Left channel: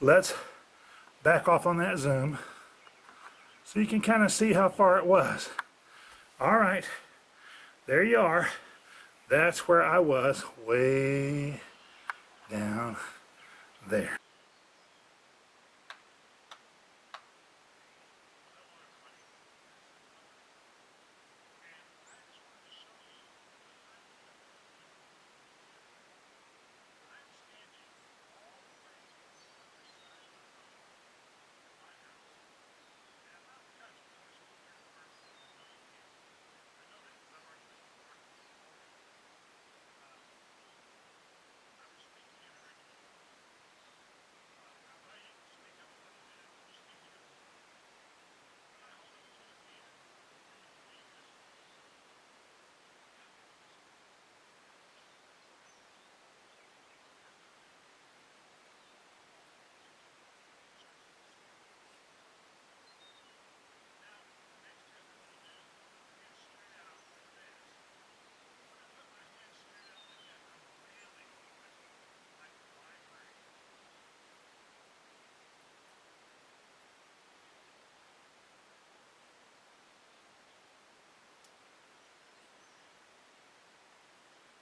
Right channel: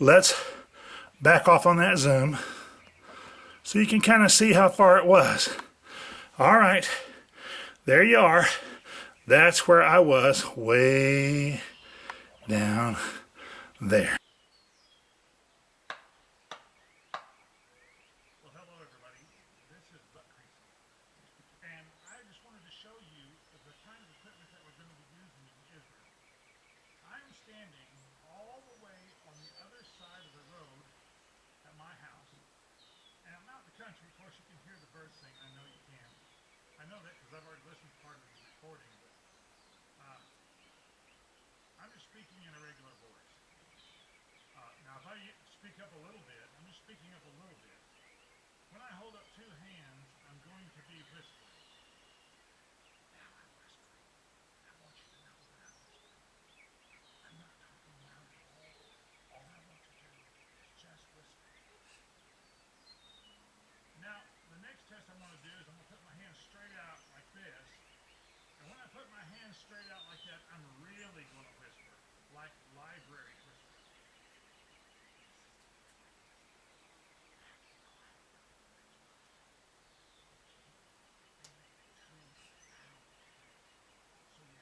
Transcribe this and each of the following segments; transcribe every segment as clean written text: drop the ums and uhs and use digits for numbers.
let's back off on that zoom so you can kind of see how far it was. All right, there you are. That's where I was, way down there. Well, hello everybody. This is and I just wanted to show you the kind of equipment that we're going to be using in Israel. I'm standing all the way on the other side of the road at my house, and I'm out in the country. Of course, you can hear the birds sing. I know you can. I know that because I've already listened to part of this recording. I'm just speaking in a regular voice. Now, if I speak up a little bit, I'm just speaking up a little bit. When I hold up two hands, I'm going to be whispering. Now I'm whispering. I want you to know what I'm whispering. I'm not talking loud at all. All I want to do is just whisper. Now, the next test I'm going to do is I'm going to put my hands straight out like this. And when I put my hands straight out like that, I'm really going to whisper, like library whisper.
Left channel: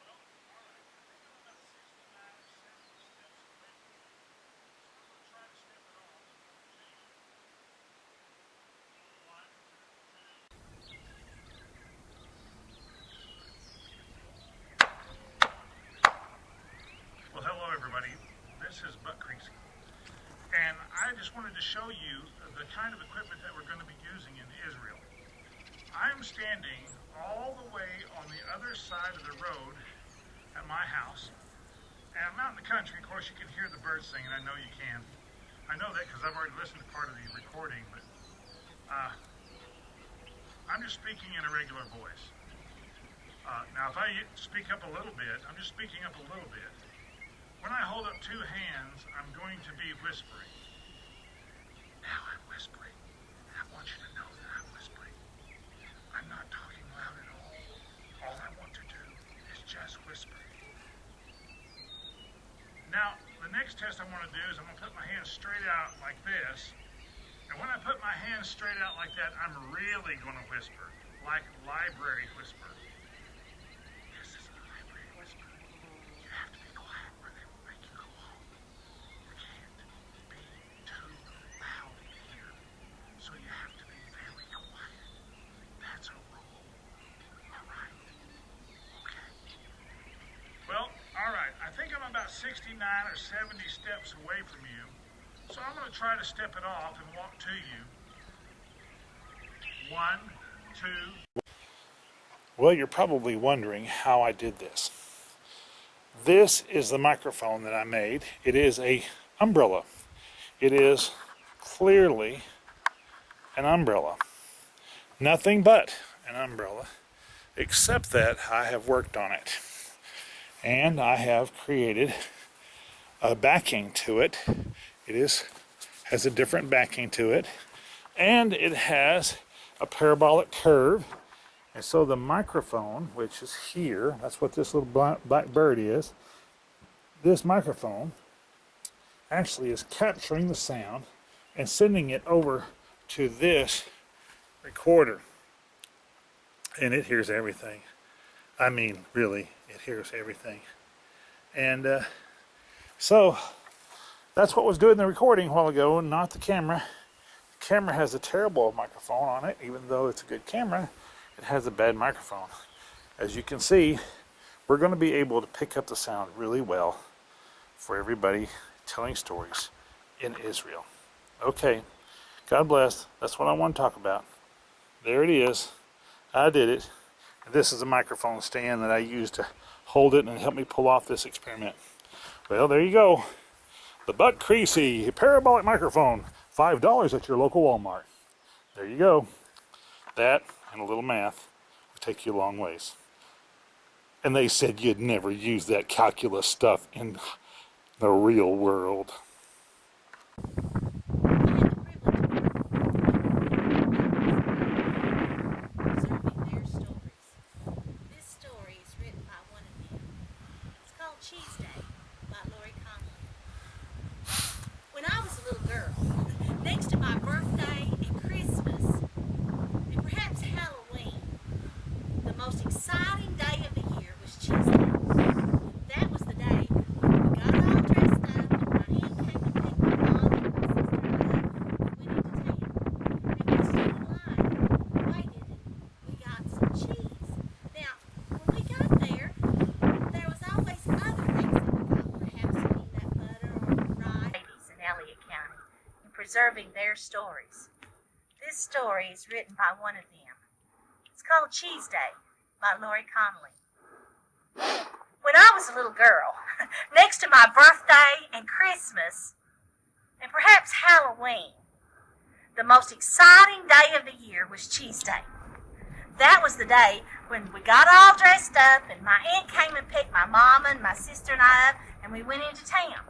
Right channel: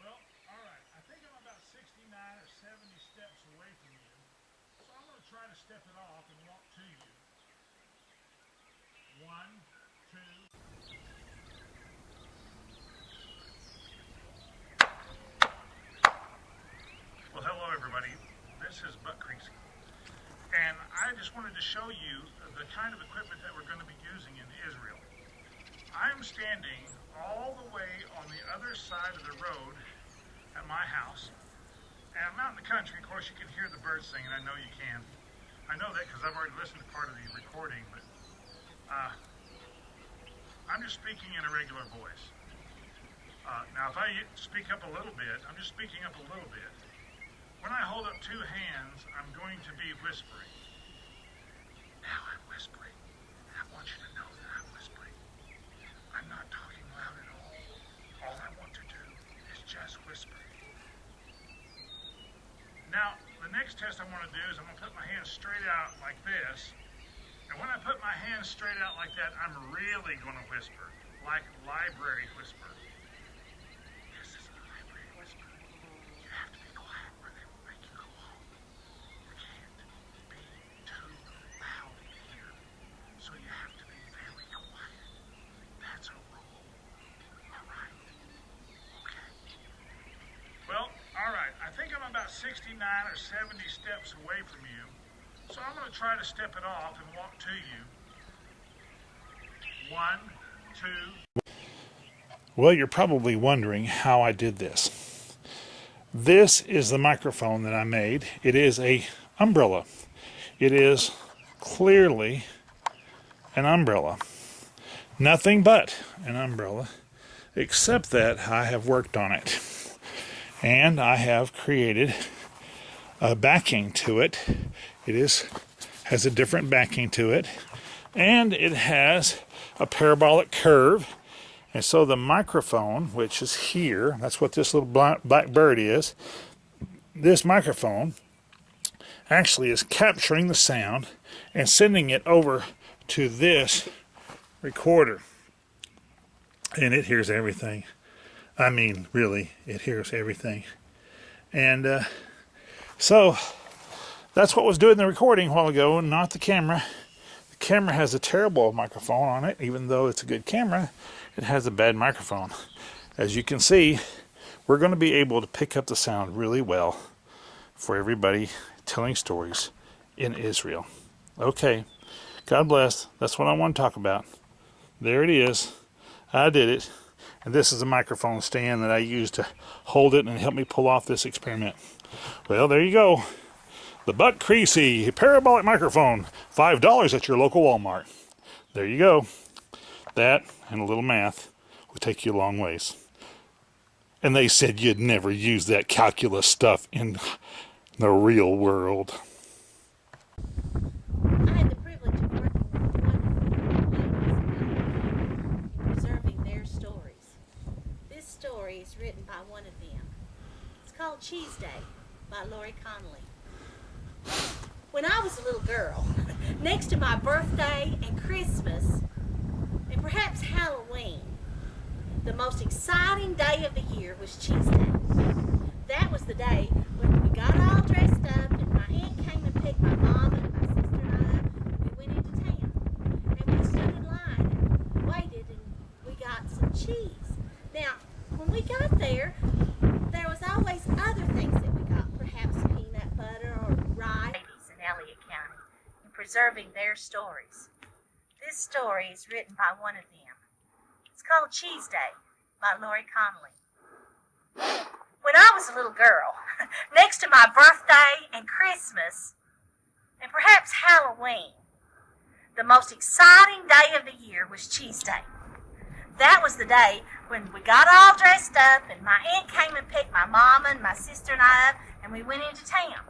Well, all right. I think I'm about 69 or 70 steps away from you. So I'm going to try to step it off and walk to you. 1, 2. Well, hello everybody. This is Buck Creasy. And I just wanted to show you the kind of equipment that we're going to be using in Israel. I'm standing all the way on the other side of the road at my house. And I'm out in the country. Of course, you can hear the birds singing. I know you can. I know that because I've already listened to part of the recording, but I'm just speaking in a regular voice. Now, if I speak up a little bit, I'm just speaking up a little bit. When I hold up two hands, I'm going to be whispering. Now I'm whispering. I want you to know that I'm whispering. I'm not talking loud at all. All I want to do is just whisper. Now, the next test I'm going to do is I'm going to put my hands straight out like this. And when I put my hands straight out like that, I'm really going to whisper, like library whisper. This is a library whisper. You have to be quiet or they will make you go home. You can't be too loud here. So you have to be very quiet. That's a rule. All right? Okay. Well, all right. I think I'm about 69 or 70 steps away from you. So I'm going to try to step it off and walk to you. 1, 2. Well, you're probably wondering how I did this. This is the microphone that I made. It is an umbrella. It is clearly an umbrella. Nothing but an umbrella, except that I have worked on it. And I have created a backing to it. It has a different backing to it, and it has a parabolic curve. And so the microphone, which is here, that's what this little black bird is. This microphone actually is capturing the sound and sending it over to this recorder. And it hears everything. I mean, really, it hears everything. And so that's what was doing the recording a while ago, not the camera. The camera has a terrible microphone on it. Even though it's a good camera, it has a bad microphone. As you can see, we're going to be able to pick up the sound really well for everybody telling stories in Israel. Okay, God bless. That's what I want to talk about. There it is. I did it. And this is a microphone stand that I used to hold it and help me pull off this experiment. Well, there you go. The Buck Creasy parabolic microphone, $5 at your local Walmart. There you go. That and a little math will take you a long ways. And they said you'd never use that calculus stuff in the real world. I had the privilege of working with wonderful clients, preserving their stories. story is written by one of them. It's called Cheese Day by Lori Connolly. When I was a little girl, next to my birthday and Christmas, and perhaps Halloween, the most exciting day of the year was Cheese Day. That was the day when we got all dressed up and my aunt came and picked my mom and my sister and I up and we went into town. And we stood in line and waited and we got some cheese. Now, when we got there was always other things that we got, perhaps peanut butter or rice. Ladies in Elliott County and preserving their stories. This story is written by one of them. It's called Cheese Day by Lori Connolly. When I was a little girl, next to my birthday and Christmas, and perhaps Halloween, the most exciting day of the year was Cheese Day. That was the day when we got all dressed up and my aunt came and picked my mama and my sister and I up and we went into town.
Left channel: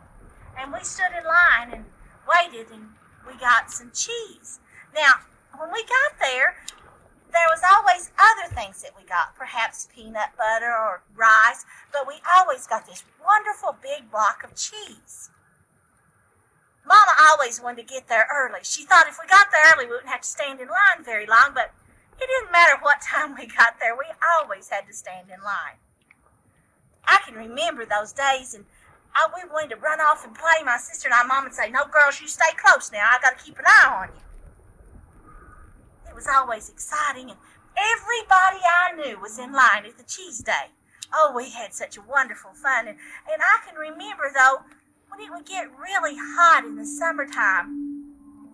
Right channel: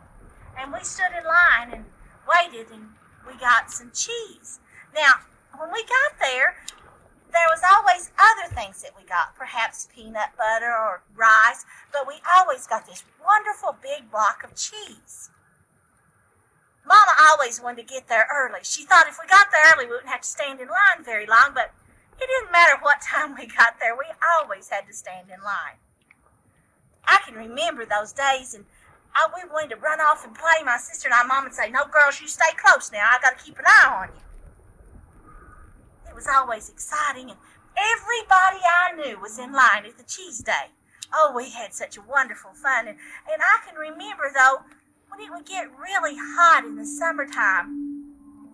And we stood in line and waited and we got some cheese. Now, when we got there was always other things that we got, perhaps peanut butter or rice, but we always got this wonderful big block of cheese. Mama always wanted to get there early. She thought if we got there early, we wouldn't have to stand in line very long, but it didn't matter what time we got there. We always had to stand in line. I can remember those days, and we wanted to run off and play. My sister and I, Mom would say, "No, girls, you stay close now. I got to keep an eye on you." It was always exciting, and everybody I knew was in line at the Cheese Day. Oh, we had such a wonderful fun, and I can remember, though, when it would get really hot in the summertime,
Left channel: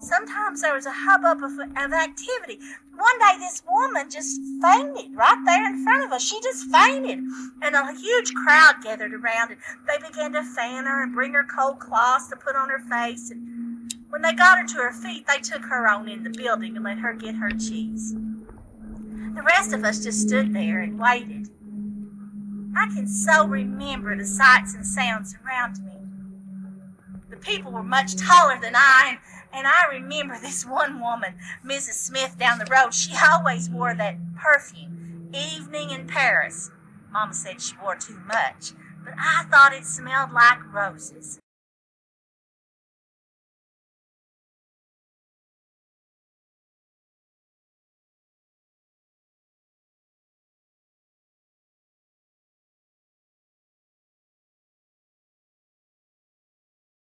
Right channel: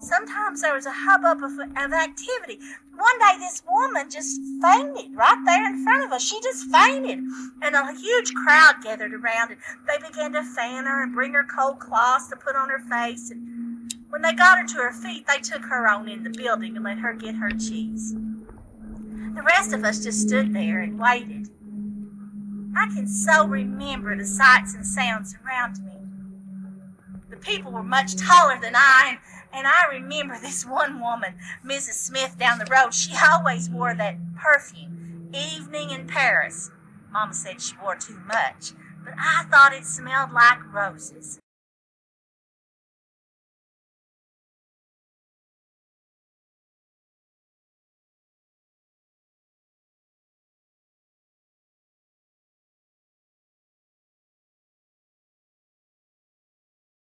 sometimes there was a hubbub of activity. One day this woman just fainted right there in front of us. She just fainted. And a huge crowd gathered around and they began to fan her and bring her cold cloths to put on her face. And when they got her to her feet, they took her on in the building and let her get her cheese. The rest of us just stood there and waited. I can so remember the sights and sounds around me. The people were much taller than I, and I remember this one woman, Mrs. Smith, down the road. She always wore that perfume, Evening in Paris. Mama said she wore too much, but I thought it smelled like roses.